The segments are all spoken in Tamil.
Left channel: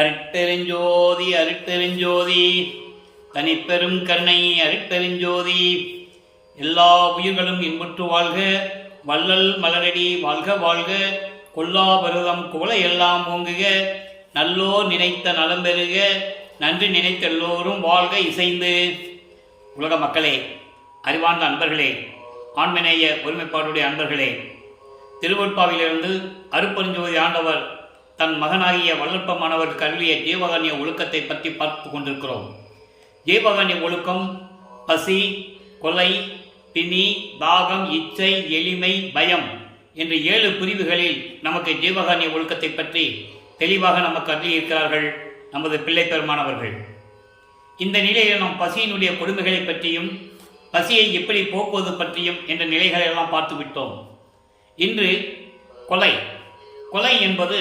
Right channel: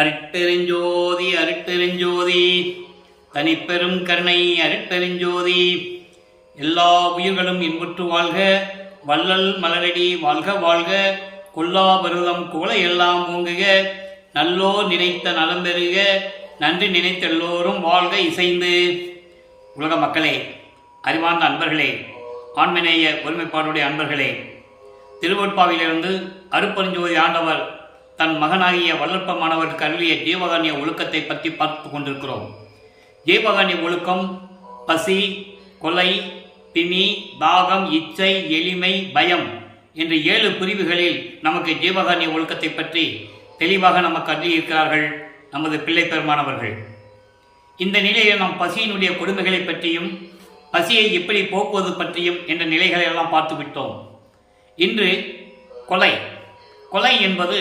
அருட்பெருஞ்சோதி அருட்பெருஞ்சோதி தனிப்பெரும் கருணை அருட்பெருஞ்சோதி. எல்லா உயிர்களும் இன்புற்று வாழ்க, வள்ளல் மலரடி வாழ்க வாழ்க, கொல்லா பருவம் குவளை எல்லாம் ஓங்குக, நல்லோர் நினைத்த நலம் பெறுக, நன்றி நினைத்த எல்லோரும் வாழ்க இசைந்து. உலக மக்களே, அறிவார்ந்த அன்பர்களே, ஆண்மநேய ஒருமைப்பாடுடைய அன்பர்களே, திருவொட்பாவிலிருந்து அருட்பெருஞ்சோதி ஆண்டவர் தன் மகனாகிய வல்லற்பமானவருக்கு அருளிய ஜீவகாருண்ய ஒழுக்கத்தை பற்றி பார்த்து கொண்டிருக்கிறோம். ஜீவகாருண்ய ஒழுக்கம் பசி, கொலை, பிணி, தாகம், இச்சை, எளிமை, பயம் என்ற 7 பிரிவுகளில் நமக்கு ஜீவகாருண்ய ஒழுக்கத்தை பற்றி தெளிவாக நமக்கு அருளியிருக்கிறார்கள் நமது பிள்ளை பெருமானவர்கள். இந்த நிலையில் நாம் பசியினுடைய கொடுமைகளை பற்றியும் பசியை எப்படி போக்குவது பற்றியும் என்ற நிலைகளை எல்லாம் பார்த்து விட்டோம். இன்று கொலை. கொலை என்பது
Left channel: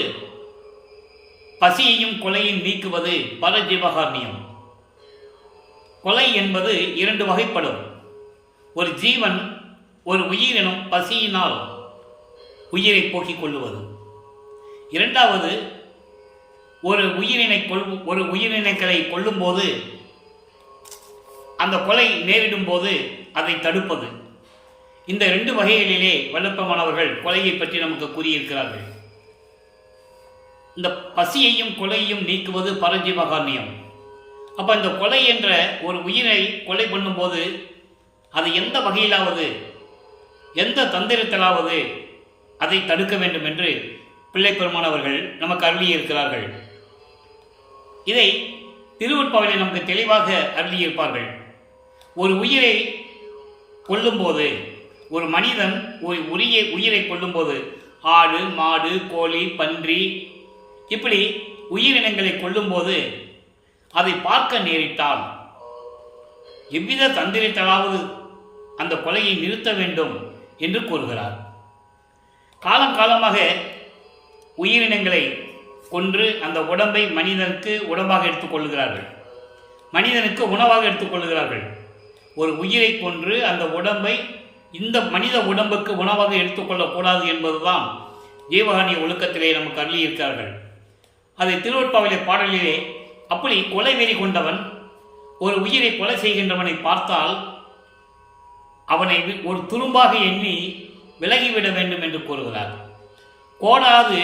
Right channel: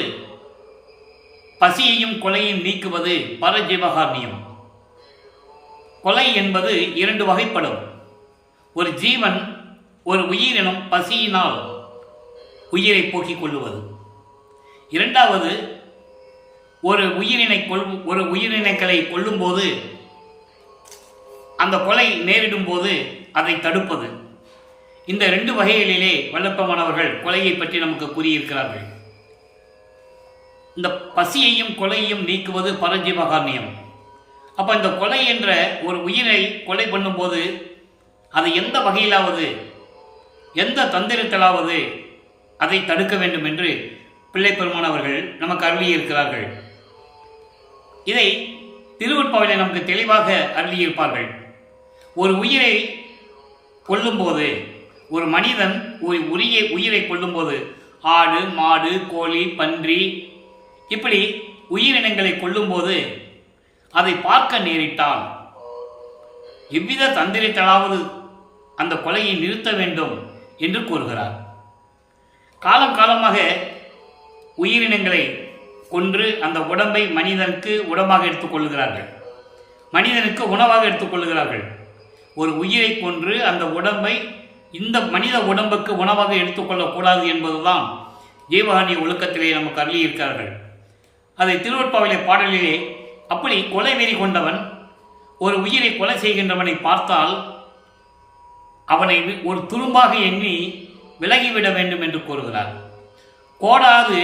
பசியையும் கொலையும் நீக்குவது பரஜீவகாருண்யம். கொலை என்பது 2 வகைப்படும். ஒரு ஜீவன், ஒரு உயிரினம் பசியினால் உயிரை போக்கிக் கொள்ளுவது. இரண்டாவது, ஒரு உயிரினங்களை கொல்லும்போது, அந்த கொலை நேரிடும் போது அதை தடுப்பது. இந்த 2 வகைகளிலே வல்லற்பமானவர்கள் கொலையை பற்றி நமக்கு கூறியிருக்கிறார்கள். இந்த பசியையும் கொலையையும் நீக்குவது பரஜீவகாருண்யம். அப்போ இந்த கொலை என்ற ஒரு உயிரை கொலை பண்ணும்போது அதை எந்த வகையிலாவது, எந்த தந்திரத்திலாவது அதை தடுக்க வேண்டும் என்று பிள்ளை பெருமானவர்கள் நமக்கு அருளியிருக்கிறார்கள். இதை திருவொட்பாவிலே நமக்கு தெளிவாக அருளியிருப்பார்கள். ஒரு உயிரை கொல்லும்போது, ஒரு மனிதன் ஒரு உயிரை கொல்லும்போது, ஆடு, மாடு, கோழி, பன்றி, இப்படி உயிரினங்களை கொல்லும்போது அதை பார்க்க நேரிட்டால் எவ்வித தந்திரத்தாலாவது அந்த கொலையை நிறுத்த வேண்டும் என்று கூறுகிறார். காலங்காலமாக உயிரினங்களை கொன்று அந்த உடம்பை மனிதனுக்கு உடம்பாக எடுத்துக்கொள்கிறார்கள், மனிதனுக்கு உணவாக எடுத்துக்கொள்கிறார்கள். ஒரு உயிரை கொன்று அந்த உடம்பை இந்த மனித உடம்புக்கு உணவாக எடுத்துக்கொள்ளக்கூடாது என்பதுதான் ஜீவகாருண்ய ஒழுக்கத்திலே நமக்கு அருளியிருக்கிறார்கள். அதை திருவொட்பாவிலே பாடலிலே, அப்படி கொலை வெறி கொண்டவன் ஒரு உயிரை கொலை செய்கின்றவனை பார்த்தால் அவனை ஒரு துரும்பாக எண்ணி விலகிவிட வேண்டும் என்று கூறுகிறார். கோடாது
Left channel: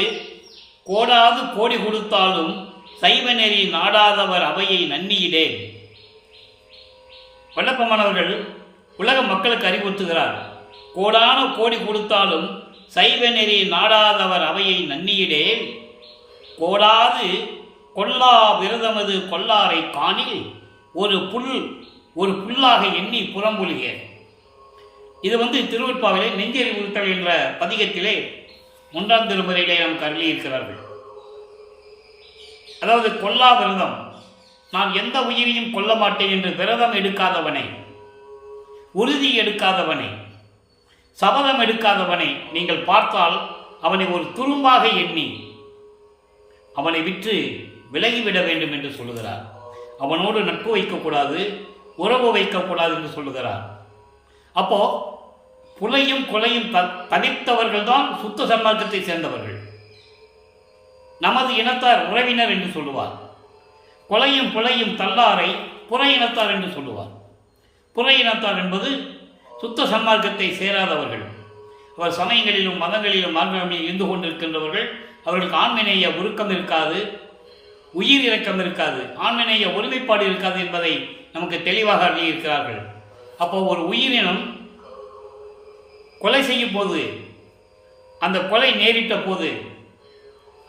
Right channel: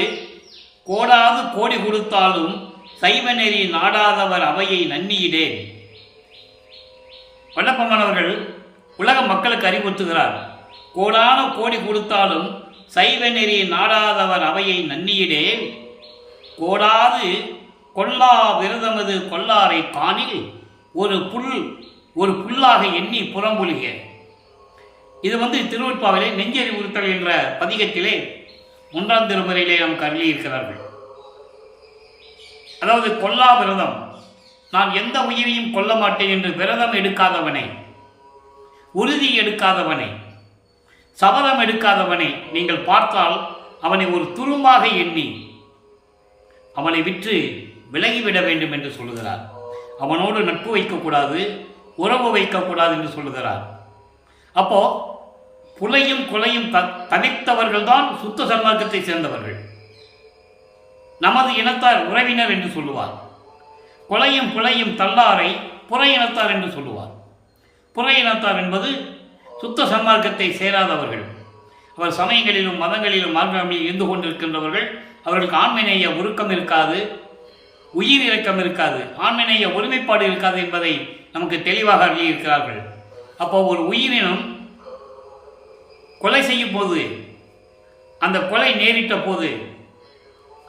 கோடி கொடுத்தாலும் சைவ நெறி நாடாதவர் அவையை நன்னியிடேன். வல்லப்பமானவர்கள் உலக மக்களுக்கு அறிவுறுத்துகிறார். கோடான கோடி கொடுத்தாலும் சைவ நெறி நாடாதவர் அவையை நன்னியிடேன். கோடாது கொல்லா விரதமது கொல்லாரை காணில் ஒரு புல்லாக எண்ணி புறம்புலிக. இது திருவொட்பாவிலே நெஞ்சறி உறுத்தல் என்ற பதிகத்திலே 1ஆம் திருமுறையிலே நமக்கு அருளியிருக்கிறார்கள். அதாவது கொல்லா விரதம், நான் எந்த உயிரையும் கொல்ல மாட்டேன் என்று விரதம் எடுக்காதவனை, உறுதி எடுக்காதவனை, சபதம் எடுக்காதவனை நீங்கள் பார்த்தால் அவனை ஒரு துரும்பாக எண்ணி அவனை விற்று விலகிவிட வேண்டும் என்று சொல்லுகிறார். அவனோடு நட்பு வைக்கக்கூடாது, உறவு வைக்கக்கூடாது என்று சொல்லுகிறார். அப்போ புலையும் கொலையும் தவிர்த்தவர்கள் தான் சுத்த சன்மார்க்கத்தை சேர்ந்தவர்கள், நமது இனத்தார் உறவினர் என்று சொல்லுவார். கொலையும் புலையும் தள்ளாரை புற இனத்தார் என்று சொல்லுவார். புற இனத்தார் என்பது சுத்த சன்மார்க்கத்தை சேராதவர்கள். அவர் சமயங்களிலும் மதங்களிலும் மார்க்கங்களில் இருந்து கொண்டிருக்கின்றவர்கள். அவர்களுக்கு ஆண்மநேய உருக்கம் இருக்காது, உயிர் இரக்கம் இருக்காது, ஆண்மநேய ஒருமைப்பாடு இருக்காது என்பதை நமக்கு தெளிவாக அறிவிக்கிறார்கள். அப்போ ஒரு உயிரினம் கொலை செய்யும் போது, அந்த கொலை நேரிட்ட போது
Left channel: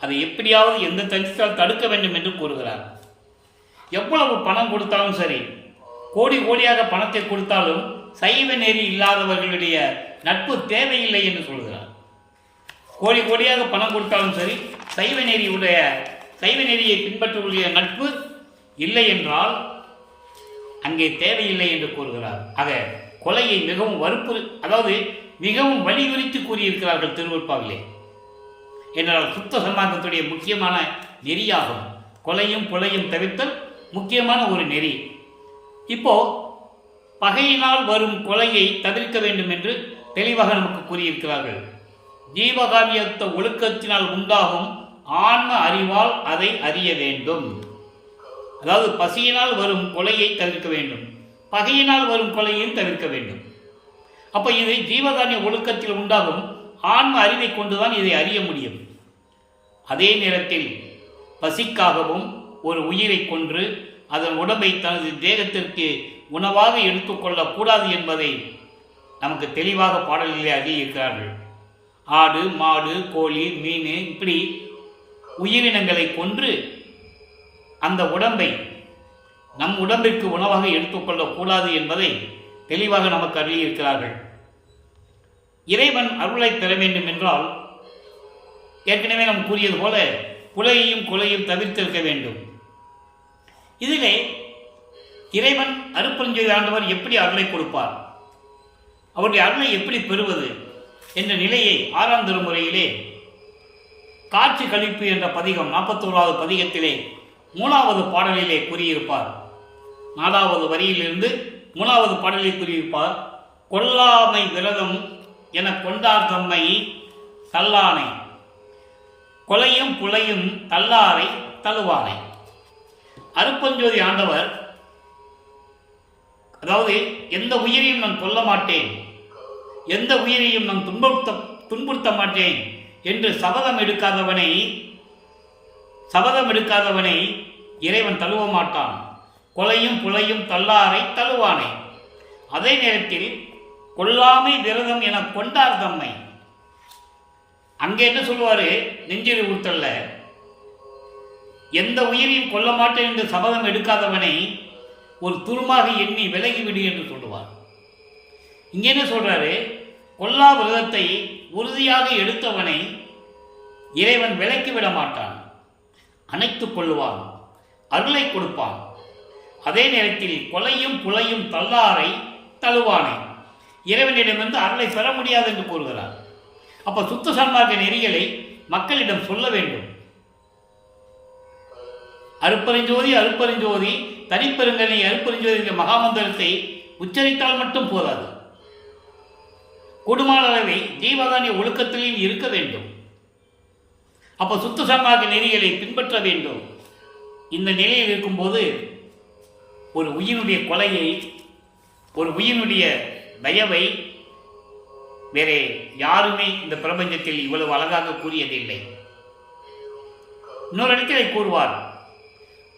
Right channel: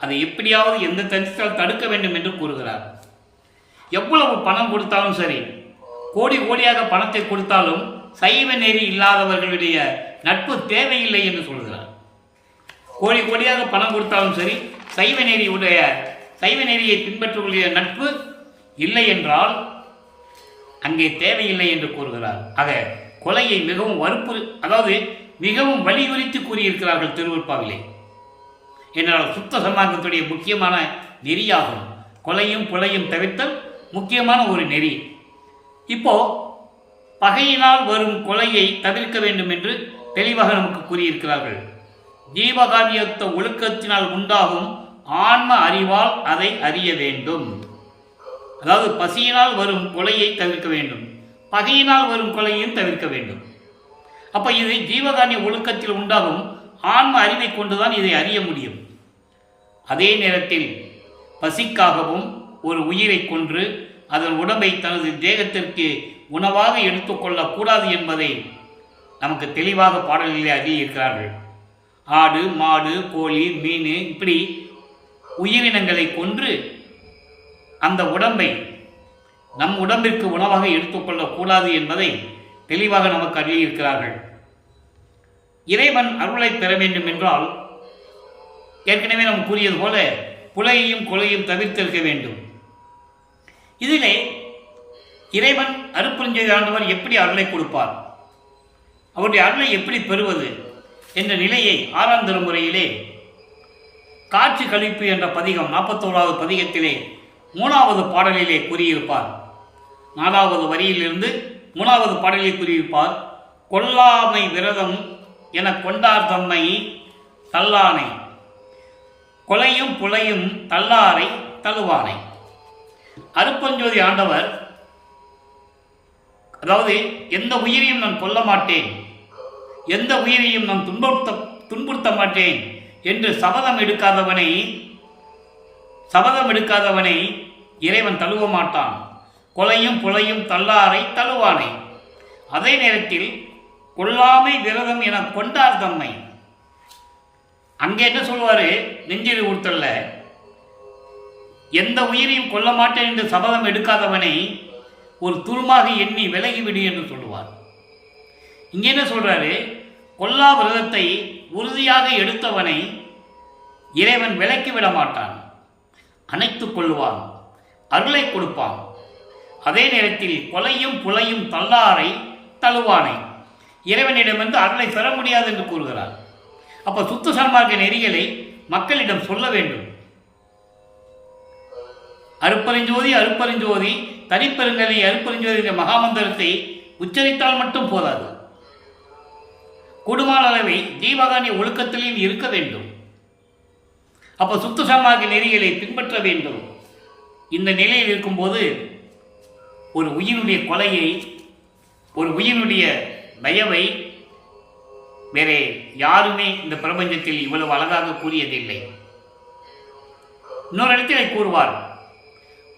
அதை எப்படியாவது எந்த தந்திரத்தால் தடுக்க வேண்டும் என்று கூறுகிறார். எவ்வளவு பணம் கொடுத்தாலும் சரி, கோடி கோடியாக பணத்தை கொடுத்தாலும் சைவ நெறி இல்லாதவர்களுடைய நட்பு தேவையில்லை என்று சொல்கிறார். கோடி கோடியாக பணம் கொடுத்தாலும் சரி, சைவ நெறியை பின்பற்றக்கூடிய நட்பு இல்லை என்றால் அங்கே தேவையில்லை என்று கூறுகிறார். ஆக கொலையை மிகவும் வலியுறுத்தி கூறியிருக்கிறார்கள் திருவொட்பாவிலே. என்றால் சுத்த சன்மார்க்கத்துடைய முக்கியமான நெறியாகும் கொலையும் புலையும் தவிர்த்தல் முக்கியமான ஒரு நெறி. இப்போ பகையினால் வரும் கொலையை தவிர்க்க வேண்டும் என்று தெளிவாக நமக்கு கூறியிருக்கிறார்கள். ஜீவகாவியத்த ஒழுக்கத்தினால் உண்டாகும் ஆன்ம அறிவால் அதை அறிய வேண்டும். அதாவது பசியினால் வரும் கொலையை தவிர்க்க வேண்டும், பகையினால் வரும் கொலையையும் தவிர்க்க வேண்டும். அப்போ இது ஜீவகாருண்ய ஒழுக்கத்தில் உண்டாகும் ஆன்ம அறிவை கொண்டுதான் இதை அறிய முடியும். அதே நேரத்தில் பசிக்காகவும் ஒரு உயிரை கொன்று அதன் உடம்பை தனது தேகத்திற்கு உணவாக எடுத்துக்கொள்ளக்கூடாது என்பதை நமக்கு தெளிவாக பாடலிலே அறியிருக்கிறார்கள். ஆடு, மாடு, கோழி, மீன் இப்படி உயிரினங்களை கொன்று அந்த உடம்பை நம் உடம்பிற்கு உணவாக எடுத்துக்கொள்ளக்கூடாது என்பதை தெளிவாக நமக்கு அறியிருக்கிறார்கள். இறைவன் அருளை பெற வேண்டும் என்றால் ஏற்கனவே நாம் கூறியது போல புலையையும் கொலையும் தவிர்த்திருக்க வேண்டும். இதிலே இறைவன் அருட்பெருஞ்சோதி ஆண்டவர் எப்படி அருளை கொடுப்பார், அவருடைய அருளை எப்படி பெறுவது என்ற நிலையை 6ஆம் திருமுறையிலே காட்சி கழிப்பு என்ற பதிகம் 41வது பதிகத்திலே 3வது பாடலிலே கூறியிருப்பார். 4வது வரியிலிருந்து 3வது பாடலில் கூறியிருப்பார். கொல்லாமை விரதம் என கொண்டார் தம்மை தல்லானை, கொலையும் புலையும் தல்லாரை தழுவானை. அருட்பெருஞ்சோதி ஆண்டவர் அதாவது எந்த உயிரையும் நான் கொல்ல மாட்டேன், எந்த உயிரையும் நான் துன்புறுத்த மாட்டேன் என்று சபதம் எடுக்காதவனை இறைவன் தழுவ மாட்டான். கொலையும் புலையும் தல்லாரை தழுவானை. அதே நேரத்தில் கொல்லாமை விரதம் என கொண்டார் தம்மை. அங்கே என்ன சொல்லுவார், நெஞ்சிரி ஊர்த்தல்ல, எந்த உயிரையும் கொல்ல மாட்டேன் என்று சபதம் எடுக்காதவனை ஒரு துருமாக எண்ணி விலகிவிடு என்று சொல்லுவார். இங்கே என்ன சொல்றாரு, கொல்லா விரதத்தை உறுதியாக எடுத்தவனை இறைவன் விலக்கிவிட மாட்டான், அணைத்துக் கொள்ளுவான், அருளை கொடுப்பான். அதே நேரத்தில் கொலையும் புலையும் தல்லாரை தழுவானை, இறைவனிடமிருந்து அருளை பெற முடியாது என்று கூறுகிறார். அப்போ சுத்த சன்மார்க்க நெறிகளை மக்களிடம் சொல்ல வேண்டும். அருட்பெருஞ்சோதி அருட்பெருஞ்சோதி தனிப்பெருங்கனை அருட்பெருஞ்சோதி என்ற மகாமந்திரத்தை உச்சரித்தால் மட்டும் போதாது, கூடுமான அளவை ஜீவகாருண்ய ஒழுக்கத்திலையும் இருக்க வேண்டும். அப்போ சுத்த சன்மார்க்க நெறிகளை பின்பற்ற வேண்டும். இந்த நிலையில் இருக்கும்போது ஒரு உயிரினுடைய கொலையை, ஒரு உயிரினுடைய தயவை வேறே யாருமே இந்த பிரபஞ்சத்தில் இவ்வளவு அழகாக கூறியதில்லை. இன்னொரு இடத்திலே கூறுவார்,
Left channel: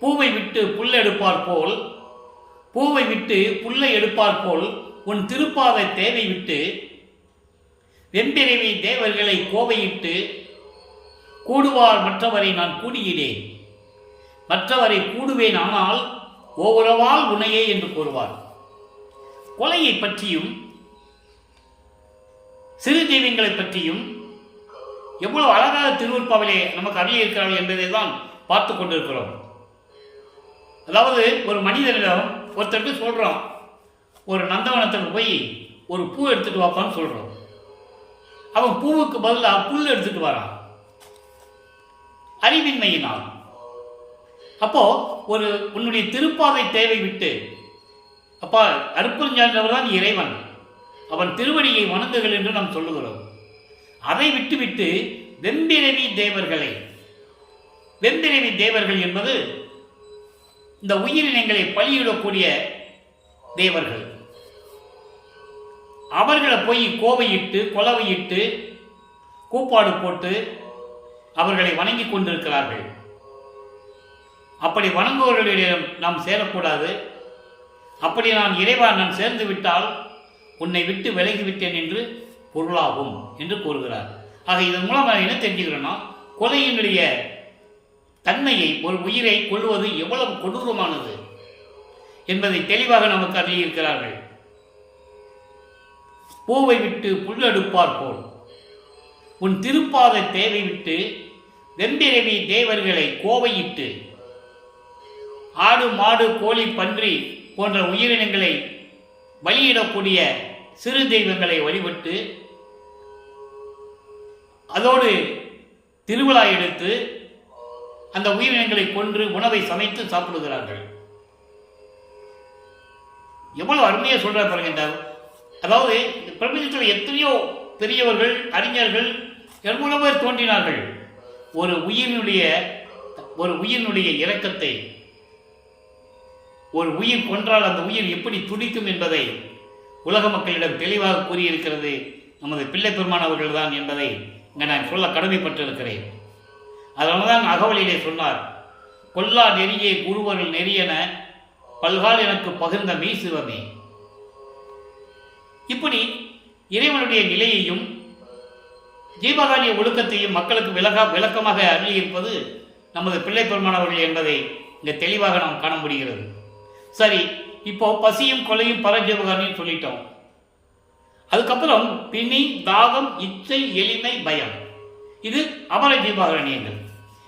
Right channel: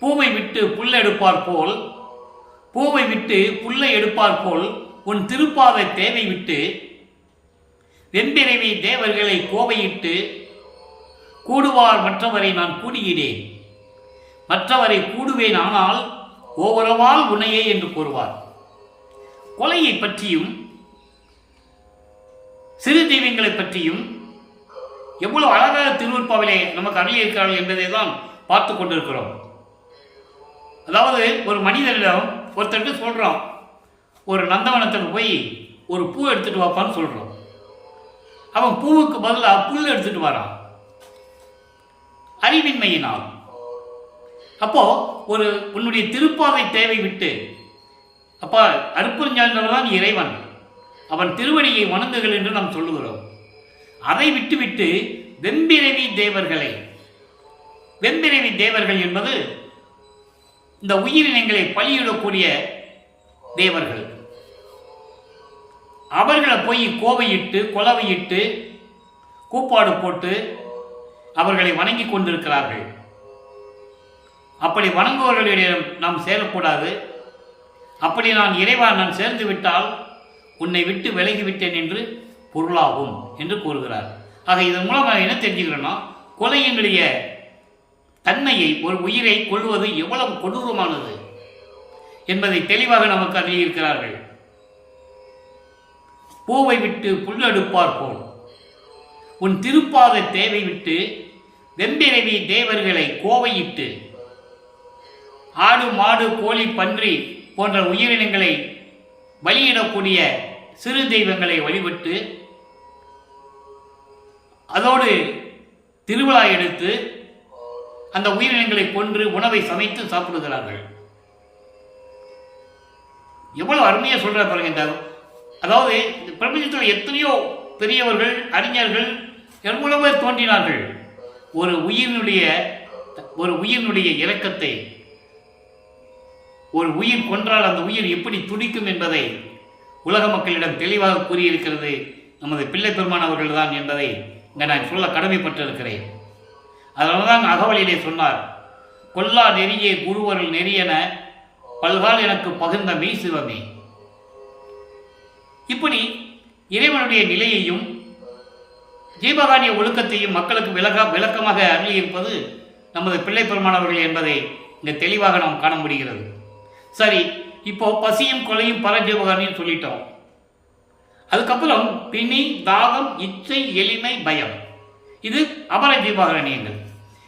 பூவை விட்டு புல்லை எடுப்பார் போல், பூவை விட்டு புல்லை எடுப்பார் போல் உன் திருப்பாத தேவை விட்டு வெண்பிறவி தேவர்களை கோவையிட்டு கூடுவார் மற்றவரை நான் கூடியிடேன், மற்றவரை கூடுவேன் ஆனால் ஓவரவால் உனையே என்று கூறுவார். கொலையை பற்றியும் சிறு தெய்வங்களை பற்றியும் எவ்வளவு அழகாக திருவருட்பாவிலே நமக்கு அருளியிருக்கிறார்கள் என்பதை தான் பார்த்து கொண்டிருக்கிறோம். அதாவது ஒரு மனிதனிடம் ஒருத்தருக்கு சொல்கிறோம், ஒரு நந்தவனத்துக்கு போய் ஒரு பூ எடுத்துகிட்டு வாப்பான்னு சொல்கிறோம். அவன் பூவுக்கு பதிலாக புல் எடுத்துகிட்டு வரான், அறிவின்மையினால். அப்போது ஒரு உன்னுடைய திருப்பாவை தேவை விட்டு, அப்போ அருட்பெருஞ்சோதியாண்டவர் தான் இறைவன், அவன் திருவடியை வணங்குகள் என்று நாம் சொல்லுகிறோம். அதை விட்டுவிட்டு வெம்பிறவி தேவர்களை, வெம்பிறவி தேவர்கள் என்பது இந்த உயிரினங்களை பலியிடக்கூடிய தேவர்கள், அவர்களை போய் கோவையிட்டு கொலவையிட்டு கூப்பாடு போட்டு அவர்களை வணங்கி கொண்டிருக்கிறார்கள். அப்படி வணங்குவர்களிடம் நாம் சேரக்கூடாது. அப்படி நான் இறைவா நான் சேர்ந்து விட்டால் உன்னை விட்டு விலகிவிட்டேன் என்று பொருளாகும் என்று கூறுகிறார். ஆக இதன் மூலம் நான் என்ன தெரிஞ்சுக்கிறேன்னா, கொலையினுடைய தன்மையை, ஒரு உயிரை கொள்வது எவ்வளவு கொடூரமானது என்பதை தெளிவாக நமக்கு அறியிருக்கிறார்கள். பூவை விட்டு புல்லெடுப்பார் போல் உன் திருப்பாத தேவை விட்டு வெம்பிறவி தேவர்களை கோவையிட்டு, ஆடு மாடு கோழி பன்றி போன்ற உயிரினங்களை பலியிடக்கூடிய சிறு தெய்வங்களை வழிபட்டு அதோடு திருவிழா எடுத்து அந்த உயிரினங்களை கொன்று உணவை சமைத்து சாப்பிடுகிறார்கள். எவ்வளவு அருமையாக சொல்றார் பாருங்க. இந்த அதாவது இந்த பிரபஞ்சத்தில் எத்தனையோ பெரியவர்கள், அறிஞர்கள், எவ்வளவு பேர் தோன்றினார்கள். ஒரு உயிரினுடைய இரக்கத்தை, ஒரு உயிர் கொன்றால் அந்த உயிர் எப்படி துடிக்கும் என்பதை உலக மக்களிடம் தெளிவாக கூறியிருக்கிறது நமது பிள்ளை பெருமான் அவர்கள் தான் என்பதை இங்கே நான் சொல்ல கடமைப்பட்டிருக்கிறேன். அதனால தான் அகவலிலே சொன்னார், கொல்லா நெறியே குருவருள் நெறியென பல்கால் எனக்கு பகிர்ந்த மெய் சிவமே. இப்படி இறைவனுடைய நிலையையும் ஜீவகாரிய ஒழுக்கத்தையும் மக்களுக்கு விளக்கமாக அருளியிருப்பது நமது பிள்ளை பெருமான் அவர்கள் என்பதை இங்கே தெளிவாக நாம் காண முடிகிறது. சரி, இப்போ பசியும் கொலையும் பரஜீவகாரின்னு சொல்லிட்டோம். அதுக்கப்புறம் பிணி, தாகம், இச்சை, எளிமை, பயம், இது அபர ஜீவகாரணியங்கள்.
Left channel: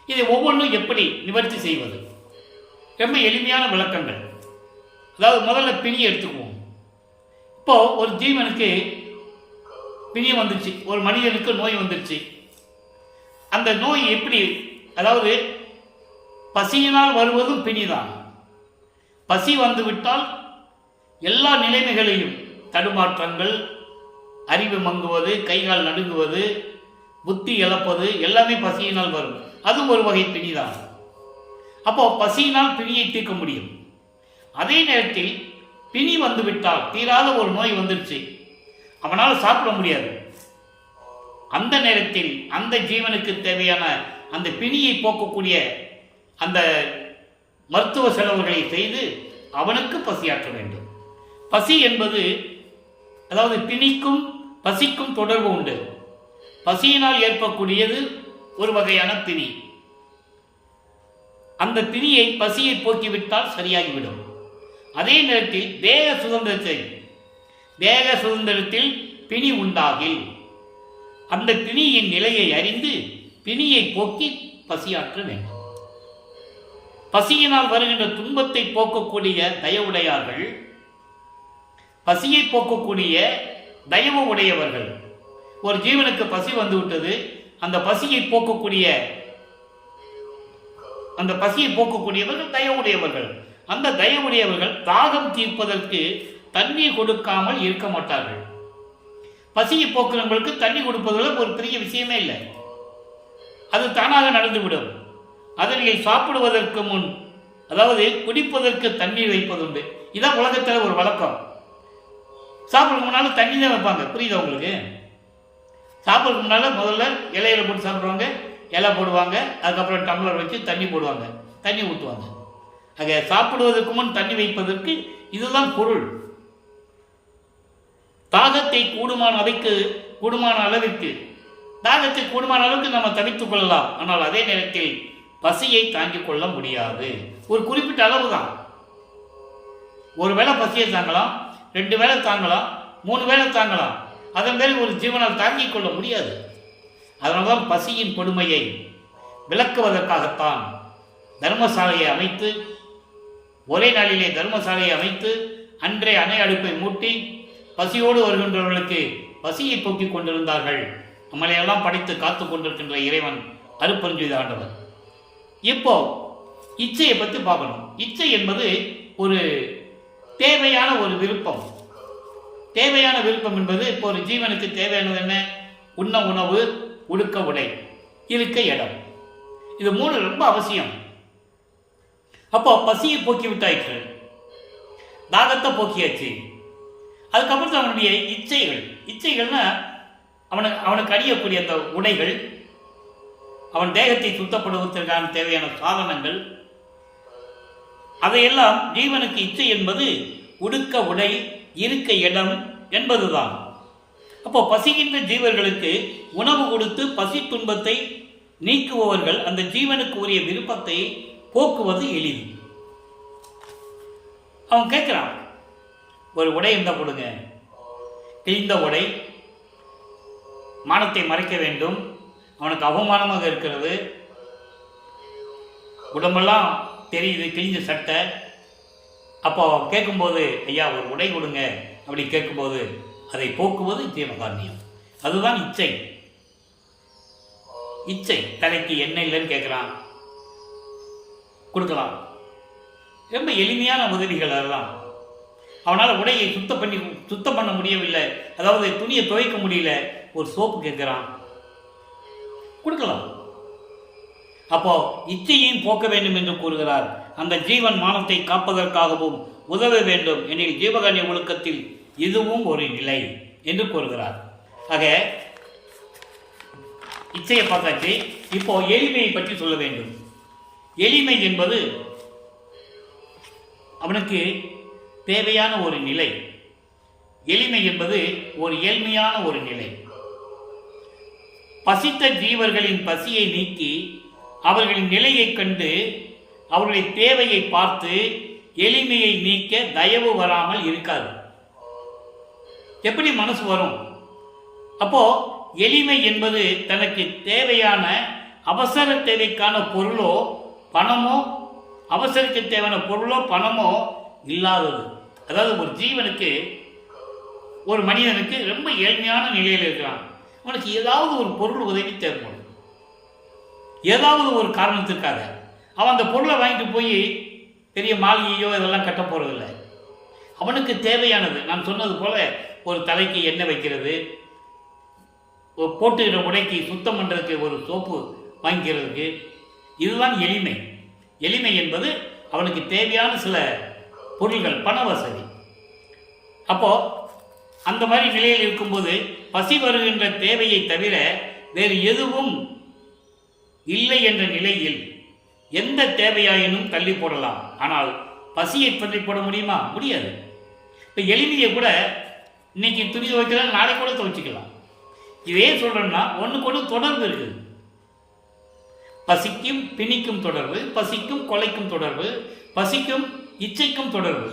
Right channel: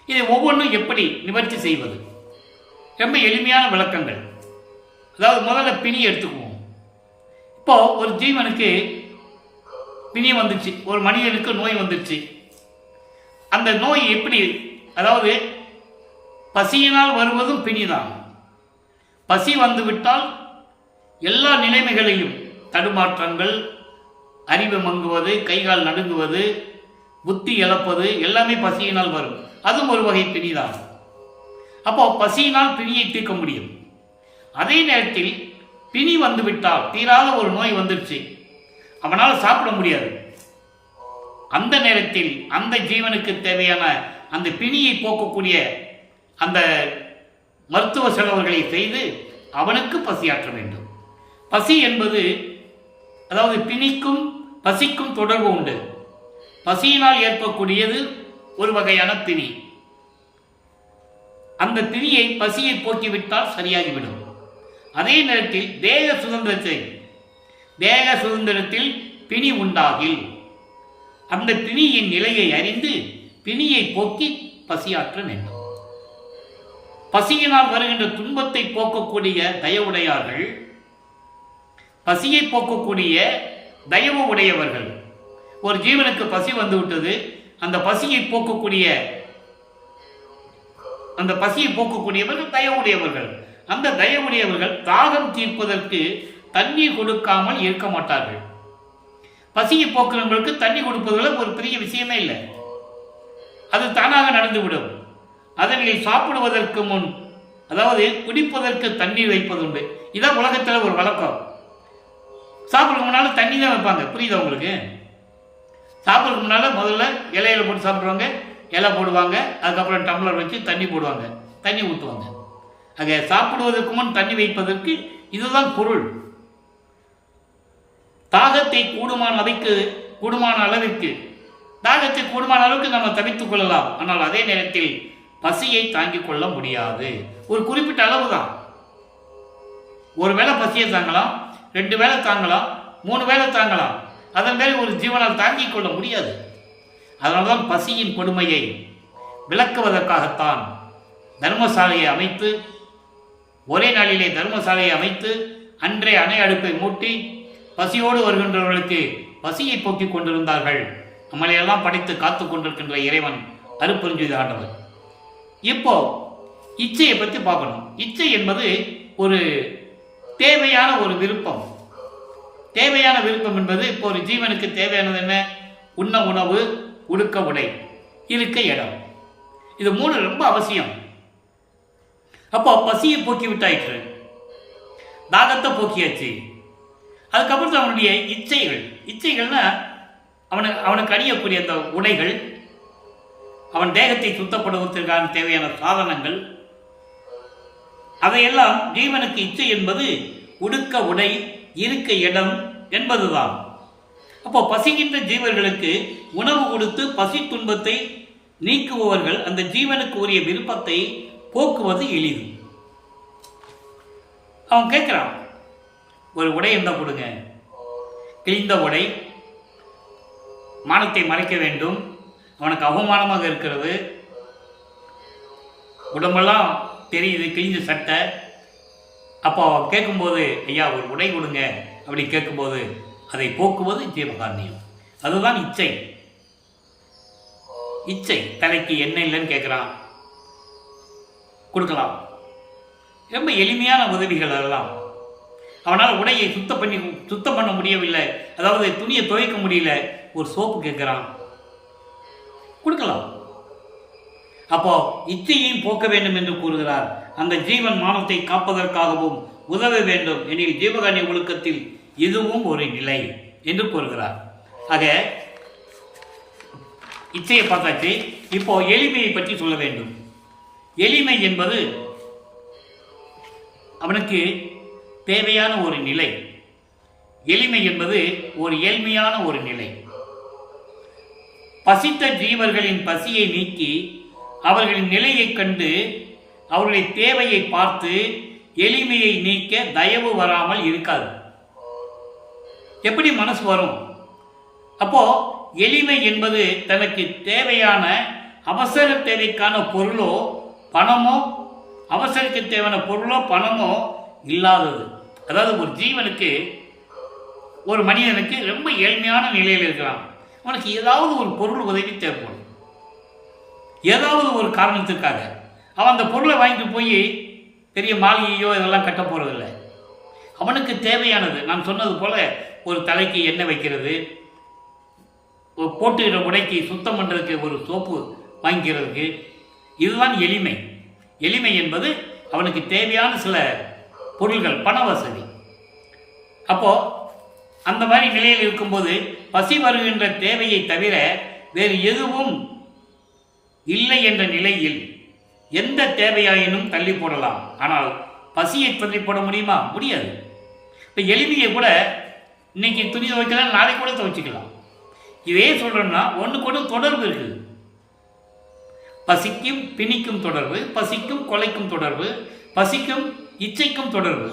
இதை ஒவ்வொன்றும் எப்படி நிவர்த்தி செய்வது? ரொம்ப எளிமையான விளக்கங்கள். அதாவது முதல்ல பிணி எடுத்துக்குவோம். இப்போ ஒரு ஜீவனுக்கு பிணி வந்துச்சு, ஒரு மனிதனுக்கு நோய் வந்துச்சு. அந்த நோய் எப்படி, அதாவது பசியினால் வருவதும் பிணிதான். பசி வந்துவிட்டால் எல்லா நிலைமைகளையும், தடுமாற்றங்கள், அறிவு மங்குவது, கைகால் நடுங்குவது, புத்தி இழப்பது எல்லாமே பசியினால் வரும். அதுவும் ஒரு வகை பிணிதான். அப்போ பசியினால் பிணியை தீர்க்க முடியும். அதே நேரத்தில் பிணி வந்துவிட்டால், தீராத ஒரு நோய் வந்துடுச்சு, அவனால் சாப்பிட முடியாது. அந்த நேரத்தில் அந்த ஜீவனுக்கு தேவையான அந்த பிணியை போக்கக்கூடிய அந்த மருத்துவ செலவுகளை செய்து அவனுக்கு பசியாற்ற வேண்டும். பசி என்பது, அதாவது பிணிக்கும் பசிக்கும் தொடர்பு உண்டு. பசியினால் ஏற்படக்கூடியது ஒரு வகையான பிணி. அந்த பிணியை, பசியை போக்கிவிட்டால் சரியாகிவிடும். அதே நேரத்தில் தேக சுதந்திரத்தில் பிணி உண்டாகில் அந்த பிணியின் நிலையை அறிந்து பிணியை போக்கி பசியாற்ற வேண்டும். பசியினால் வருகின்ற துன்பத்தை போக்கக்கூடிய தயவுடையார்கள், பசியை போக்கக்கூடிய தயவு உடையவர்கள். ஒரு ஜீவனுக்கு பசி வந்து விட்டது, அந்த பசியை போக்கக்கூடியவர்கள் தயவுடையவர்கள். அந்த தயவுடையவர்கள் தாகம் தீர்ப்பதற்கு தண்ணீர் கொடுக்காமல் இருக்க மாட்டார்கள். பசியை போக்குறவங்களுக்கு தண்ணி கொடுப்பதில் ஒரு பெரிய விஷயமே இல்லை, அது தானாக நடந்துவிடும். அதனில் சாப்பிடுவதற்கு முன், அதாவது குடிப்பதற்கு தண்ணீர் வைப்பதுண்டு. இதான் உலகத்தில் ஒரு வழக்கம். சாப்பிட்றதுக்கு முன்னால் தண்ணி தான் வைப்பாங்க. புரியுதா உங்களுக்கு? சாப்பிட்றதுக்கு முன்னால் முதல்ல இலையில போட்டு சாப்பிட்றவங்க இலை போடுவாங்க, அதுக்கப்புறம் டம்ளர் வச்சு தண்ணி போடுவாங்க, தண்ணி ஊற்றுவாங்க. ஆக சாப்பிடுவதற்கு முன் தண்ணி வைப்பதற்கு இதுதான் பொருள். தாகத்தை கூடுமான அளவிற்கு தாகத்தை கூடுமான அளவுக்கு நம்ம தவித்துக் கொள்ளலாம். ஆனால் அதே நேரத்தில் பசியை தாங்கிக் கொள்ள முடியாது. ஒரு குறிப்பிட்ட அளவு தான். ஒரு வேளை பசியை தாங்கலாம், 2 வேளை தாங்கலாம், 3 வேளை தாங்கலாம். அதன் மேல் ஒரு ஜீவனால் தாங்கிக் கொள்ள முடியாது. அதனால்தான் பசியின் கொடுமையை விளக்குவதற்காகத்தான் தர்மசாலையை அமைத்து, ஒரே நாளிலே தர்மசாலையை அமைத்து அன்றே அணை அடுப்பை மூட்டி பசியோடு வருகின்றவர்களுக்கு பசியை போக்கிக் கொண்டிருந்தார்கள். நம்மளையெல்லாம் படைத்து காத்து கொண்டிருக்கின்ற இறைவன் அருட்பெருஞ்ஜோதி ஆண்டவர். இப்போ இச்சையை பற்றி பார்க்கணும். இச்சை என்பது ஒரு தேவையான ஒரு விருப்பம். தேவையான விருப்பம் என்பது, இப்போ ஒரு ஜீவனுக்கு தேவையானது என்ன? உண்ண உணவு, உடுக்க உடை, இருக்க இடம். இது 3 ரொம்ப அவசியம். அப்போ பசியை போக்கி விட்டாயிற்று, தாகத்தை போக்கியாச்சு. அதுக்கப்புறம் அவனுடைய இச்சைகள்னா அவனுக்கு அணியக்கூடிய அந்த உடைகள், அவன் தேகத்தை சுத்தப்படுவதற்கான தேவையான சாதனங்கள், அதையெல்லாம் ஜீவனுக்கு இச்சை என்பது உடுக்க உடை, இருக்க இடம் என்பதுதான். அப்போ பசிக்கின்ற ஜீவர்களுக்கு உணவு கொடுத்து பசி துன்பத்தை நீக்குபவர்கள் அந்த ஜீவனுக்கு உரிய விருப்பத்தை போக்குவது எளிது. அவன் கேட்கிறான், ஒரு உடை இருந்தால் கொடுங்க. கிழிந்த உடை, மானத்தை மறைக்க வேண்டும், அவனுக்கு அவமானமாக இருக்கிறது, உடம்பெல்லாம் தெரியுது, கிழிஞ்ச சட்டை. அப்போ கேட்கும்போது, ஐயா ஒரு உடை கொடுங்க அப்படி கேட்கும்போது அதை போக்குவது ஜீவகாருண்யம். அதுதான் இச்சை. தலைக்கு எண்ணெய் இல்லைன்னு கேட்குறான், கொடுக்கலாம். ரொம்ப எளிமையான உதவிகள் அதெல்லாம். அவனால் உடையை சுத்தம் பண்ண முடியவில்லை, அதாவது துணியை துவைக்க முடியல, ஒரு சோப்பு கேட்குறான், கொடுக்கலாம். அப்போ இச்சையையும் போக்க வேண்டும் என்று கூறுகிறார். அந்த ஜீவன் மானத்தை காப்பதற்காகவும் உதவ வேண்டும் எனில் ஜீவகாருண்ய ஒழுக்கத்தில் இதுவும் ஒரு நிலை என்று கூறுகிறார். ஆக இச்சையை பார்த்தாச்சு. இப்போ எளிமையை பற்றி சொல்ல வேண்டும். எளிமை என்பது அவனுக்கு தேவையான ஒரு நிலை. எளிமை என்பது ஒரு ஏழ்மையான ஒரு நிலை. பசித்த ஜீவர்களின் பசியை நீக்கி அவர்களின் நிலையை கண்டு அவர்களுடைய தேவையை பார்த்து எளிமையை நீக்க தயவு வராமல் இருக்காது. எப்படி மனசு வரும்? அப்போ எளிமை என்பது தனக்கு தேவையான அவசர தேவைக்கான பொருளோ பணமோ, அவசரக்கு தேவையான பொருளோ பணமோ இல்லாதது. அதாவது ஒரு ஜீவனுக்கு, ஒரு மனிதனுக்கு ரொம்ப ஏழ்மையான நிலையில் இருக்கிறான். அவனுக்கு ஏதாவது ஒரு பொருள் உதவி தேவைப்படும். ஏதாவது ஒரு காரணத்திற்காக அவன் அந்த பொருளை வாங்கிட்டு போய் பெரிய மாளிகையோ இதெல்லாம் கட்ட போகிறதில்லை. அவனுக்கு தேவையானது, நான் சொன்னது போல் ஒரு தலைக்கு எண்ணெய் வைக்கிறது, போட்டுக்கிற உடைக்கு சுத்தம் பண்ணுறதுக்கு ஒரு சோப்பு வாங்கிக்கிறதுக்கு, இதுதான் எளிமை. எளிமை என்பது அவனுக்கு தேவையான சில பொருள்கள், பண வசதி. அப்போது அந்த மாதிரி நிலையில் இருக்கும்போது பசி வருகின்ற தேவையை தவிர வேறு எதுவும் இல்லை என்ற நிலையில் எந்த தேவையாயினும் தள்ளி போடலாம். ஆனால் பசியை தள்ளி போட முடியுமா? முடியாது. இப்போ எளிமையை கூட இன்னைக்கு துணி துவைக்கலாம், நாளைக்கு கூட துவைச்சிக்கலாம். இதே சொல்கிறோம்னா ஒன்றுக்கு ஒன்று தொடர்பு இருக்குது. பசிக்கும் பிணிக்கும் தொடர்பு, பசிக்கும் கொலைக்கும் தொடர்பு, பசிக்கும் இச்சைக்கும் தொடர்பு.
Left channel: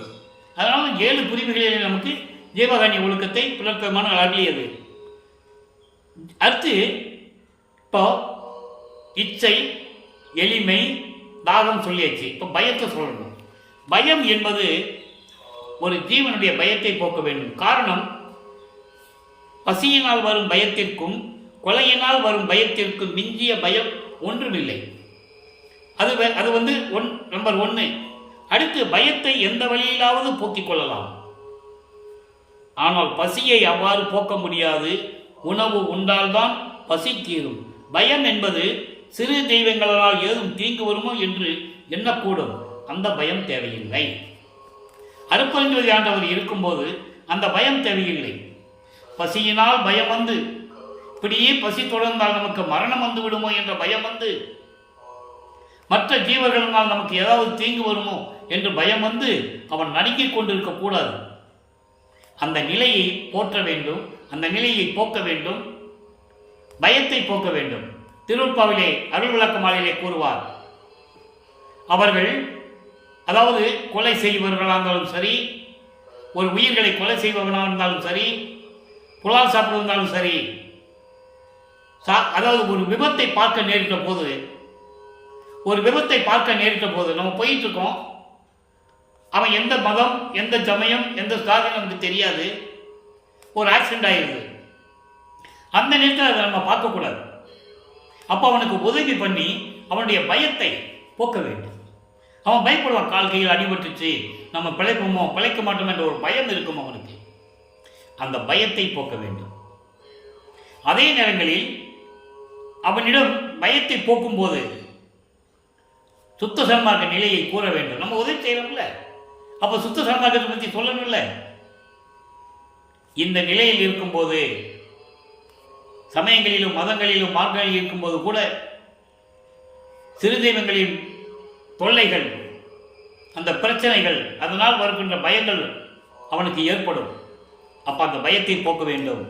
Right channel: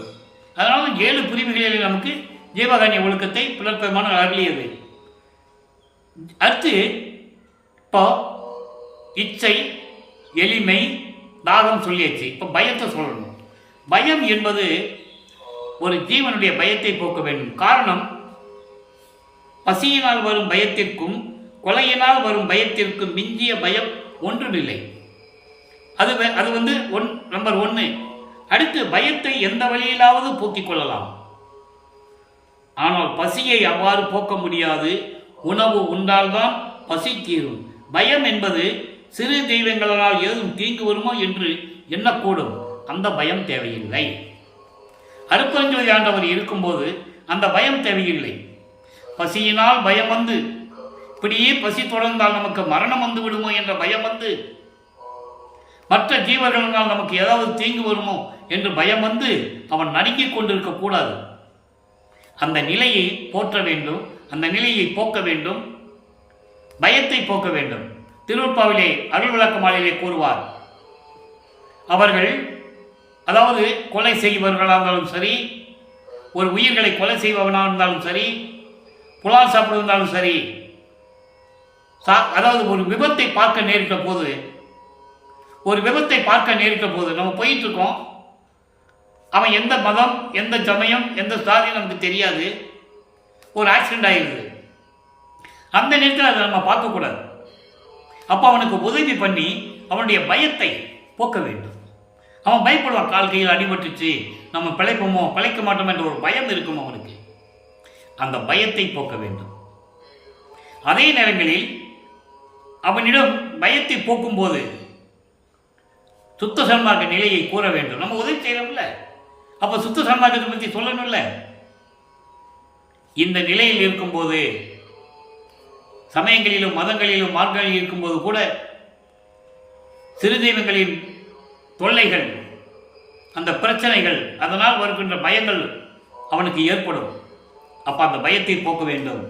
அதனால 7 பிரிவுகளில் நமக்கு ஜீவகாருண்ய ஒழுக்கத்தை புலற்பெருமான அருளியது. அடுத்து இப்போ இச்சை, எளிமை, தாகம் சொல்லியாச்சு. இப்போ பயத்தை சொல்லணும். பயம் என்பது ஒரு ஜீவனுடைய பயத்தை போக்க வேண்டும். காரணம், பசியினால் வரும் பயத்திற்கும் கொலையினால் வரும் பயத்திற்கும் மிஞ்சிய பயம் ஒன்றுமில்லை. அது வந்து நம்பர் 1. அடுத்து பயத்தை எந்த வழியிலாவது போக்கிக் கொள்ளலாம். ஆனால் பசியை அவ்வாறு போக்க முடியாது. உணவு உண்டால்தான் பசி தீரும். பயம் என்பது சிறு தெய்வங்களால் ஏதும் தீங்கு வருமோ என்று எண்ணக்கூடும். அந்த பயம் தேவையில்லை. அருட்பெருஞ்சோதி ஆண்டவர் இருக்கும்போது அந்த பயம் தேவையில்லை. பசியினால் பயம் வந்து, இப்படியே பசி தொடர்ந்தால் நமக்கு மரணம் வந்து விடுமோ என்ற பயம் வந்து, மற்ற ஜீவர்களினால் நமக்கு ஏதாவது தீங்கு வருமோ என்று பயம் வந்து அவன் நடுங்கிக் கொண்டிருக்கக்கூடாது. அந்த நிலையை போற்ற வேண்டும், அந்த நிலையை போக்க வேண்டும், பயத்தை போக்க வேண்டும். திருவருட்பாவிலே அருள் விளக்க மாலையிலே கூறுவார், அவர்கள் அதாவது கொலை செய்பவர்களாக இருந்தாலும் சரி, ஒரு உயிர்களை கொலை செய்பவனாக இருந்தாலும் சரி, புலால் சாப்பிடுவதாலும் சரி, அதாவது ஒரு விபத்தை பார்க்க நேரிட்ட போது நம்ம போயிட்டு இருக்கோம். அவன் எந்த மதம், எந்த சமயம், எந்த சாதி நமக்கு தெரியாது. ஒரு ஆக்சிடென்ட் ஆகிடுது. அந்த நேரத்தில் அதை நம்ம பார்க்கக்கூடாது. அப்போ அவனுக்கு உதவி பண்ணி அவனுடைய பயத்தை போக்க வேண்டும். அவன் பயப்படுவான், கால் கையில் அடிபட்டுச்சு, நம்ம பிழைப்போமோ பிழைக்க மாட்டோம் என்ற ஒரு பயம் இருக்கும் அவனுக்கு. அந்த பயத்தை போக்க வேண்டும். அதே நேரங்களில் அவனிடம் பயத்தை போக்கும்போது சுத்த சன்மார்க்க நிலையை கூற வேண்டும். நம்ம உதவி செய்யணும்ல, அப்போ சுத்த சன்மார்க்கத்தை பற்றி சொல்லணும்ல. இந்த நிலையில் இருக்கும்போது, சமயங்களிலும் மதங்களிலும் மார்க்கங்களில் இருக்கும்போது கூட சிறு தெய்வங்களின் தொல்லைகள், அந்த பிரச்சனைகள், அதனால் வருகின்ற பயங்கள் அவனுக்கு ஏற்படும். அப்போ அந்த பயத்தை போக்க வேண்டும்.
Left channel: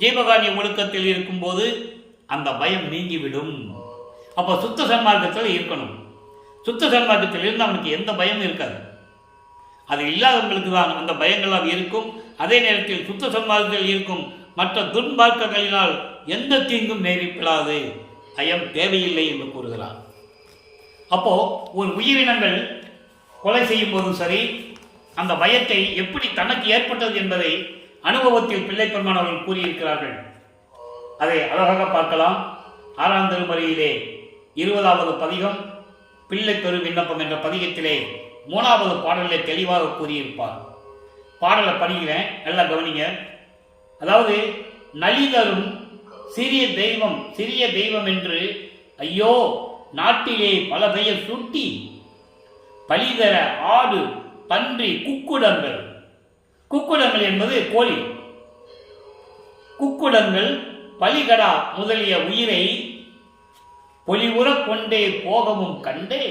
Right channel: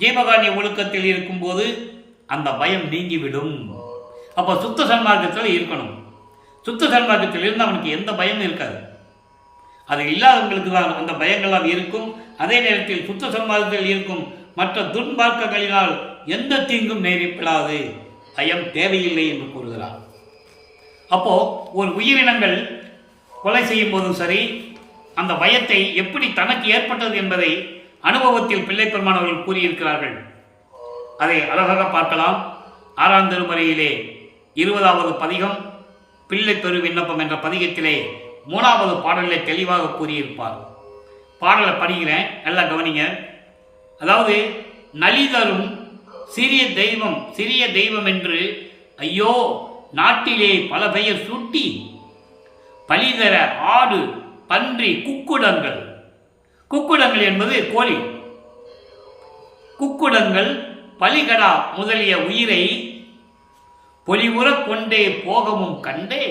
ஜீவகாருண்ய ஒழுக்கத்தில் இருக்கும்போது அந்த பயம் நீங்கிவிடும். அப்போ சுத்த சன்மார்க்கத்தில் இருக்கணும். சுத்த சன்மார்க்கத்தில் இருந்து அவனுக்கு எந்த பயமும் இருக்காது. அது இல்லாதவங்களுக்கு தான் அந்த பயங்களாக இருக்கும். அதே நேரத்தில் சுத்த சன்மார்க்கத்தில் இருக்கும் மற்ற துன்மார்க்கங்களினால் எந்த தீங்கும் நேரிடாது, பயம் தேவையில்லை என்று கூறுகிறார். அப்போ ஒரு உயிரினங்கள் கொலை செய்யும் போதும் சரி, அந்த பயத்தை எப்படி தனக்கு ஏற்பட்டது என்பதை அனுபவத்தில் பிள்ளைப்பெருமான் அவர்கள் கூறியிருக்கிறார்கள். அதை அழகாக பார்க்கலாம். 6ஆம் திருமறையிலே 20வது பதிகம் பிள்ளை பெரு விண்ணப்பம் என்ற பதிகத்திலே 3வது பாடலிலே தெளிவாக கூறியிருப்பார். பாடலை படிக்கிறேன், நல்லா கவனிங்க. அதாவது, நலிதரும் சிறிய தெய்வம் என்று ஐயோ நாட்டிலே பல பெயர் சூட்டி பலிதர ஆடு பன்றி குக்குடங்கள். குக்குடங்கள் என்பது கோழி. குக்குடங்கள் பலிகடா முதலிய உயிரை பொலிவுறக் கொண்டே போகவும் கண்டே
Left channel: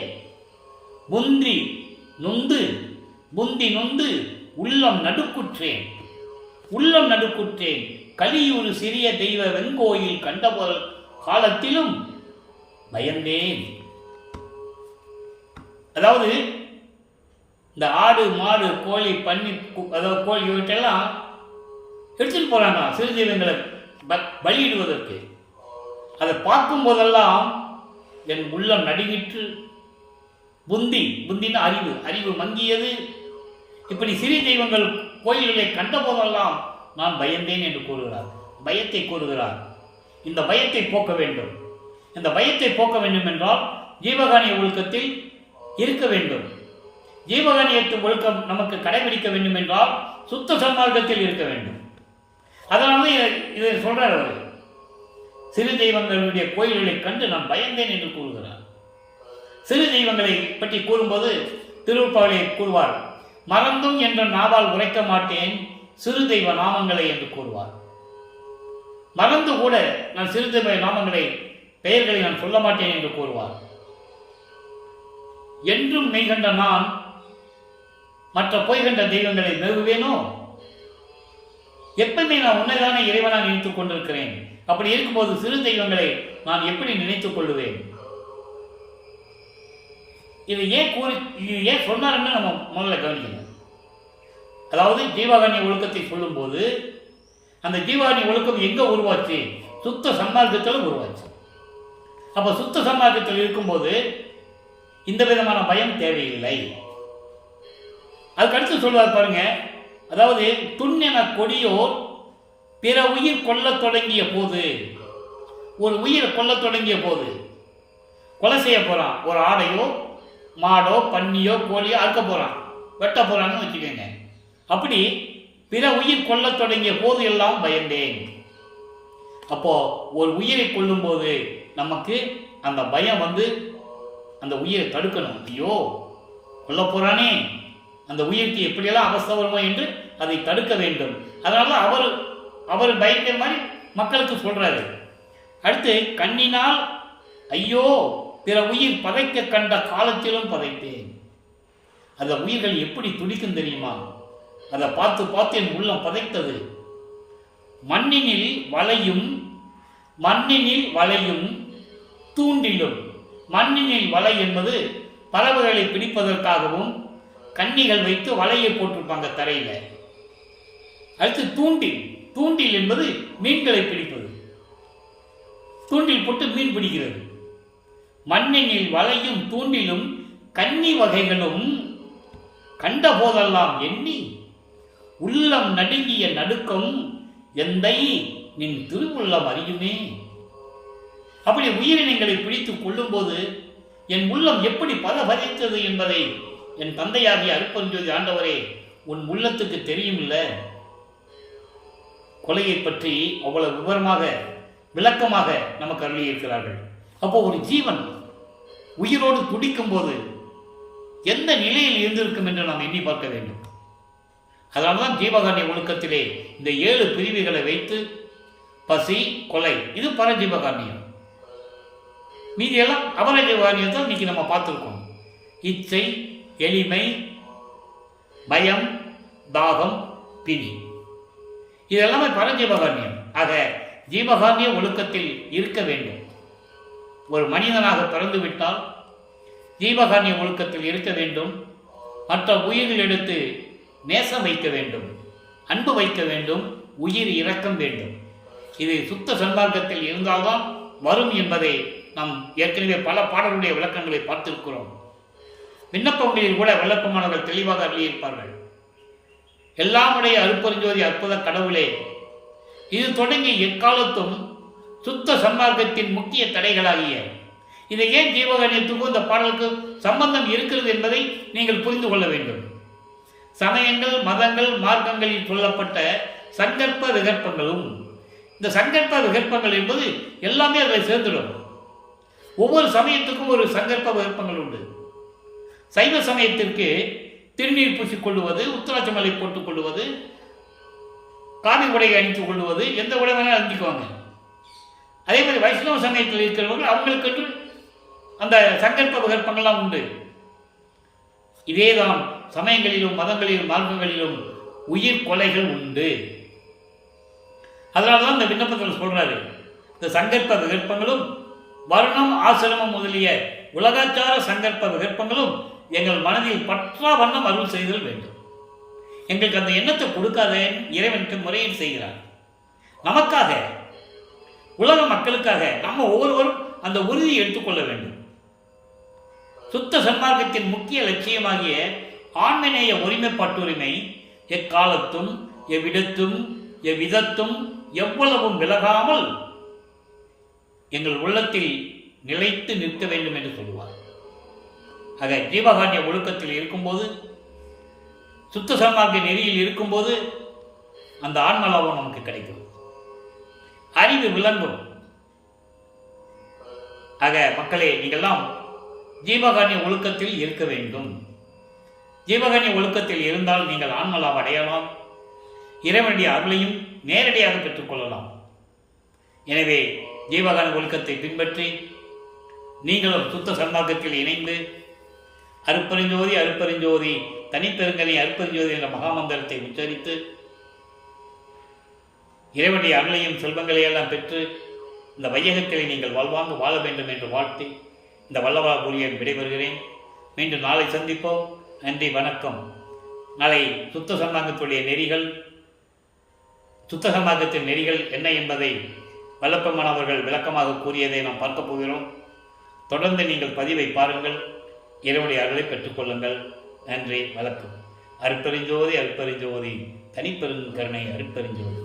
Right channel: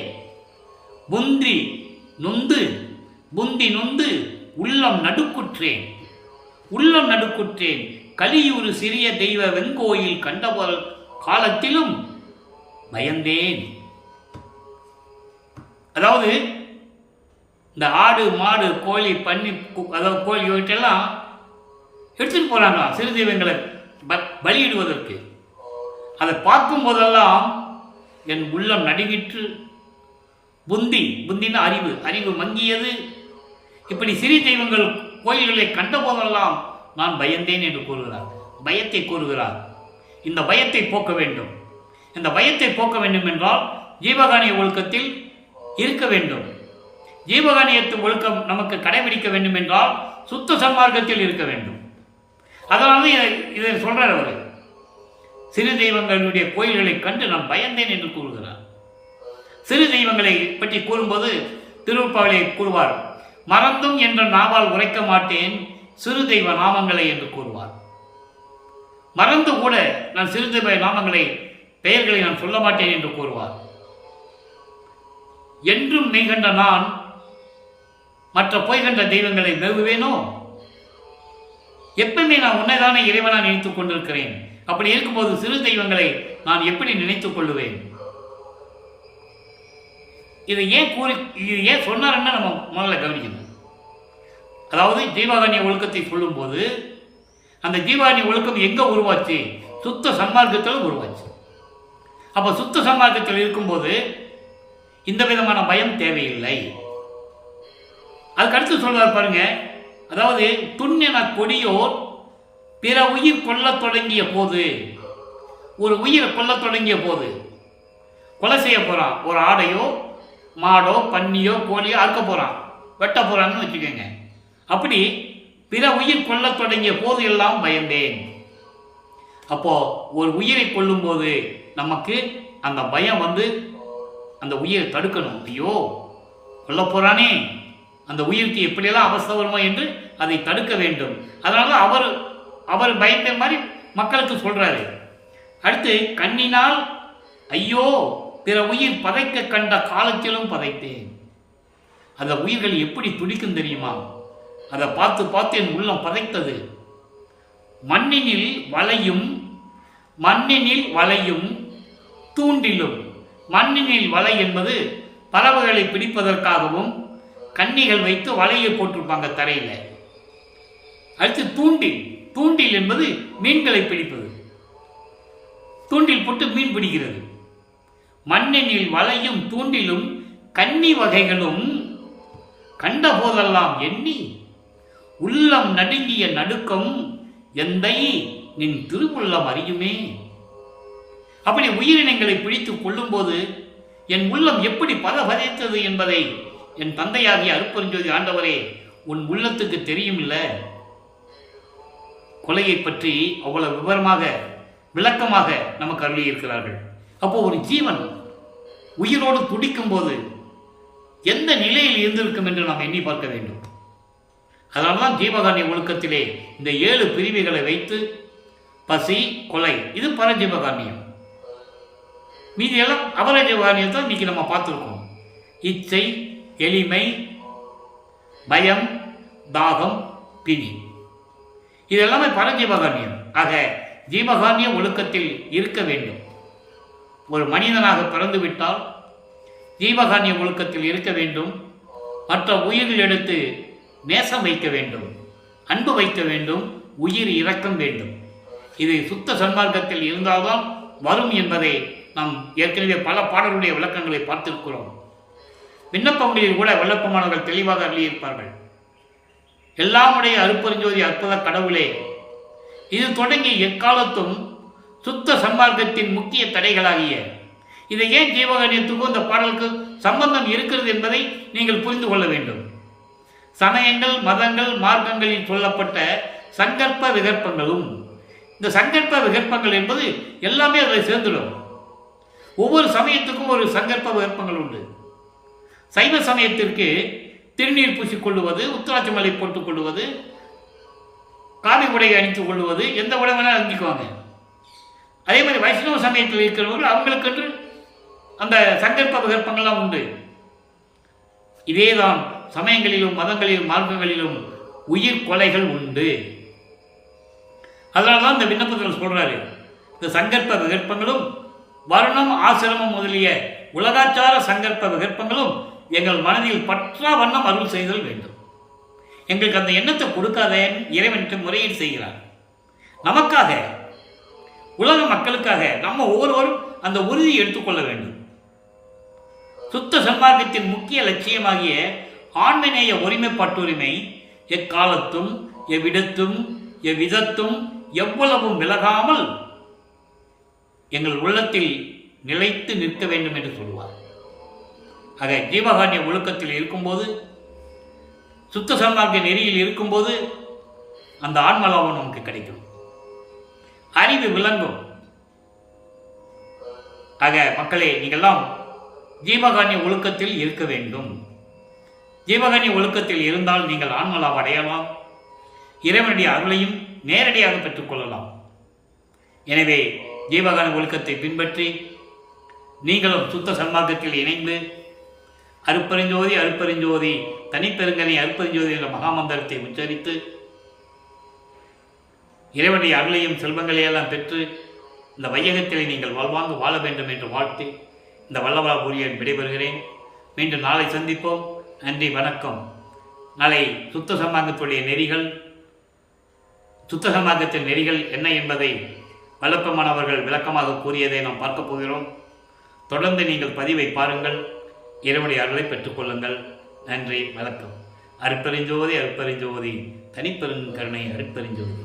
புந்தி நொந்து உள்ளம் நடுக்குற்றேன். கலியூறு சிறிய தெய்வ வெங்கோயில் கண்டபோல் காலத்திலும் பயந்தேன். அதாவது இந்த ஆடு மாடு கோழி பன்னி அதாவது கோழி இவற்றெல்லாம் எடுத்துட்டு போறாங்களாம் சிறு தெய்வங்களை பலியிடுவதற்கு. அதை பார்க்கும் போதெல்லாம் என் உள்ளம் நடுங்கிற்று. புந்தின அறிவு மங்கியது. இப்படி சிறு தெய்வங்கள் கோயில்களை கண்ட போதெல்லாம் நான் பயந்தேன் என்று கூறுகிறார். பயத்தை கூறுகிறார். இந்த பயத்தை போக்க வேண்டும். இந்த பயத்தை போக்க வேண்டும் என்றால் ஜீவகானிய ஒழுக்கத்தில் இருக்க வேண்டும். ஜீவகானியத்து ஒழுக்கம் நமக்கு கடைபிடிக்க வேண்டும் என்றால் சுத்த சன்மார்க்கத்தில் இருக்க வேண்டும். அதனால இதை சொல்றார் அவர். சிறு தெய்வங்களுடைய கோயில்களை கண்டு நான் பயந்தேன் என்று கூறுகிறார். சிறு தெய்வங்களை பற்றி கூறும்போது திருப்பாவிலே கூறுவார், மறந்தும் என்ற நாவால் உரைக்க மாட்டேன் சிறு தெய்வ நாமங்களை என்று கூறுவார். மறந்து கூட நான் சிறு தெய்வ நாமங்களை பெயர்களை நான் சொல்ல மாட்டேன் என்று கூறுவார். என்றும் மெய்கண்ட நான் மற்ற பொய்கண்ட தெய்வங்களை மேவுவேனோ? எப்பவுமே நான் உன்னைதானே இறைவனா நினைத்துக் கொண்டிருக்கிறேன். அப்படி இருக்கும்போது சிறு தெய்வங்களை நான் எப்படி நினைத்துக் கொள்ளுவேன்? இது ஏன் சொன்னாருன்னு நம்ம முதல்ல கவனிக்கணும். அதாவது ஜீவகானிய ஒழுக்கத்தை சொல்லும்போது அந்த ஜீவகானிய ஒழுக்கம் எங்க உருவாச்சு? சுத்த சன்மார்க்கத்தில் உருவாச்சு. அப்ப சுத்த சன்மார்க்கத்தில் இருக்கும்போது இந்த விதமான பயம் தேவையில்லை. அதுக்கு அடுத்து சொல்வார் பாருங்க. அதாவது துண்ணென கொடியோர் பிற உயிர் கொல்லத் தொடங்கிய போது, ஒரு உயிரை கொல்லத் தொடங்கிய போது கொலை செய்ய போறான். ஒரு ஆடையோ மாடோ பன்னியோ கோழியோ அறுக்க போறான், வெட்ட போறான்னு வச்சுக்கோங்க. அப்படி பிற உயிர் கொல்லத் தொடங்கிய போது எல்லாம் பயந்தேன். அப்போ ஒரு உயிரை கொல்லும் போது நமக்கு அந்த பயம் அந்த உயிரை தடுக்கணும். ஐயோ கொல்ல போறானே, அந்த உயிருக்கு எப்படியெல்லாம் அவஸ்தை வருமோ என்று அதை தடுக்க வேண்டும். அதனால அவர் பயந்த மாதிரி மக்களுக்கு சொல்றாரு. அடுத்து கண்ணினால் ஐயோ பிற உயிர் பதைக்க கண்ட காலத்திலும் பதைத்தேன். அந்த உயிர்கள் எப்படி துடிக்கும் தெரியுமா? அதை பார்த்து என் உள்ளம் பதைத்தது. மண்ணினில் வளையும் தூண்டிலும். மண்ணினில் வலை என்பது பறவைகளை பிடிப்பதற்காகவும் கன்னிகள் வைத்து வலையை போட்டிருப்பாங்க தரையில். அடுத்து தூண்டில் என்பது மீன்களை பிடிப்பது. தூண்டில் போட்டு மீன் பிடிக்கிறது. மண்ணினில் வலையும் தூண்டிலும் கன்னி வகைகளும் கண்ட போதெல்லாம் எண்ணி உள்ளம் நடுங்கிய நடுக்கம் எந்தை நின் திருவுள்ளம் அறியுமே. அப்படி உயிரினங்களை பிடித்து கொள்ளும்போது என் உள்ளம் எப்படி பதபதித்தது என்பதை என் தந்தையாகிய அருட்பெருஞ்சோதி ஆண்டவரே உன் உள்ளத்துக்கு தெரியும் இல்ல. கொலையை பற்றி அவ்வளவு விவரமாக விளக்கமாக நமக்கு அருளியிருக்கிறார்கள். அப்போ ஒரு ஜீவன் உயிரோடு துடிக்கும் போது எந்த நிலையில் இருந்திருக்கும் என்று நாம் எண்ணி பார்க்க வேண்டும். அதனால்தான் ஜீவகானிய ஒழுக்கத்திலே இந்த 7 பிரிவுகளை வைத்து பசி, கொலை, இது பரஜீவகானியம். மீதியெல்லாம் அபரஜீவகானியத்தை இன்னைக்கு நம்ம பார்த்துருக்கோம். இச்சை, எளிமை, பயம், தாகம், பிணி, இதெல்லாமே பரஜீவகானியம். ஆக ஜீவகானிய ஒழுக்கத்தில் இருக்க வேண்டும். ஒரு மனிதனாக பிறந்துவிட்டால் ஜீவகானிய ஒழுக்கத்தில் இருக்க வேண்டும். மற்ற உயிர்கள் எடுத்து நேசம் வைக்க வேண்டும், அன்பு வைக்க வேண்டும், உயிர் இரக்கம் வேண்டும். இது சுத்த சன்மார்க்கத்தில் இருந்தால்தான் வரும் என்பதை நாம் ஏற்கனவே பல பாடலுடைய விளக்கங்களை பார்த்திருக்கிறோம். விண்ணப்பங்களில் கூட விண்ணப்பமானவர்கள் தெளிவாக அருளியிருப்பார்கள். எல்லாமுடைய அருட்பெருஞ்சோதி அற்புத கடவுளே, இது தொடங்கி எக்காலத்தும் சுத்த சன்மார்க்கத்தின் முக்கிய தடைகளாகிய இதை ஏன் ஜீவகானியத்துக்கும் இந்த பாடலுக்கு சம்பந்தம் இருக்கிறது என்பதை நீங்கள் புரிந்து கொள்ள வேண்டும். சமயங்கள், மதங்கள், மார்க்கங்களில் சொல்லப்பட்ட சங்கற்ப விகற்பங்களும், இந்த சங்கற்ப விகற்பங்கள் என்பது எல்லாமே அதில் சேர்ந்துடும். ஒவ்வொரு சமயத்துக்கும் ஒரு சங்கற்ப விருப்பங்கள் உண்டு. சைவ சமயத்திற்கு திருநீர் பூசிக்கொள்ளுவது, உத்தராட்சமலை போட்டுக் கொள்வது, காவி உடையை அணித்துக் கொள்வது, எந்த உடை வேணாலும் அணிஞ்சுக்குவாங்க. அதே மாதிரி வைஷ்ணவ சமயத்தில் இருக்கிறவர்கள் அவங்களுக்கென்று அந்த சங்கற்ப விகற்பங்கள்லாம் உண்டு. இதேதான் சமயங்களிலும் மதங்களிலும் மார்க்கங்களிலும் உயிர் கொலைகள் உண்டு. அதனால தான் இந்த விண்ணப்பத்தில் சொல்கிறாரு, இந்த சங்கற்ப விகற்பங்களும் வருணம் ஆசிரமம் முதலிய உலகாச்சார சங்கற்ப விகற்பங்களும் எங்கள் மனதில் பற்றா வண்ணம் அருள் செய்தல் வேண்டும். எங்களுக்கு அந்த எண்ணத்தை கொடுக்காதே இறைவனுக்கு முறையீடு செய்கிறார். நமக்காக, உலக மக்களுக்காக நம்ம ஒவ்வொருவரும் அந்த உறுதியை எடுத்துக்கொள்ள வேண்டும். சுத்த சன்மார்க்கத்தின் முக்கிய லட்சியமாகிய ஆண்மநேய ஒருமைப்பாட்டுரிமை எக்காலத்தும் எவ்விடத்தும் எவ்விதத்தும் எவ்வளவும் விலகாமல் எங்கள் உள்ளத்தில் நிலைத்து நிற்க வேண்டும் என்று சொல்லுவார். ஆக ஜீவகாருண்ய ஒழுக்கத்தில் இருக்கும்போது, சுத்த சன்மார்க்க நெறியில் இருக்கும்போது அந்த ஆன்மலாபம் நமக்கு கிடைக்கும், அறிவு விளங்கும். ஆக மக்களே, நீங்கள்லாம் ஜீவகாருண்ய ஒழுக்கத்தில் இருக்க வேண்டும். ஜீவகாருண்ய ஒழுக்கத்தில் இருந்தால் நீங்கள் ஆன்மலாபம் அடையலாம், இறைவனுடைய அருளையும் நேரடியாக பெற்றுக்கொள்ளலாம். எனவே ஜீவகாருண்ய ஒழுக்கத்தை பின்பற்றி நீங்களும் சுத்த சன்மார்க்கத்தில் இணைந்து அருப்பெருஞ்சோதி அருப்பெருஞ்சோதி தனிப்பெருங்கனி அருப்பெருஞ்சோதி என்ற மகாமந்திரத்தை உச்சரித்து இறைவனுடைய அருளையும் செல்வங்களையெல்லாம் பெற்று இந்த வையகத்திலே நீங்கள் வாழ்வாங்கு வாழ வேண்டும் என்று வாழ்த்தி இந்த வல்லவராபுரியன் விடைபெறுகிறேன். மீண்டும் நாளை சந்திப்போம். நன்றி, வணக்கம். நாளை சுத்த சன்மார்க்கத்துடைய நெறிகள், சுத்த சன்மார்க்கத்தின் நெறிகள் என்ன என்பதை வல்லப்பெருமான் அவர்கள் விளக்கமாக கூறியதை நாம் பார்க்கப் போகிறோம். தொடர்ந்து நீங்கள் பதிவை பாருங்கள், இறைவனுடைய அருளை பெற்றுக்கொள்ளுங்கள். நன்றி, வணக்கம். அருட்பெருஞ்சோதி அருட்பெருஞ்சோதி தனிப்பெருங்கருணை அருட்பெருஞ்சோதி.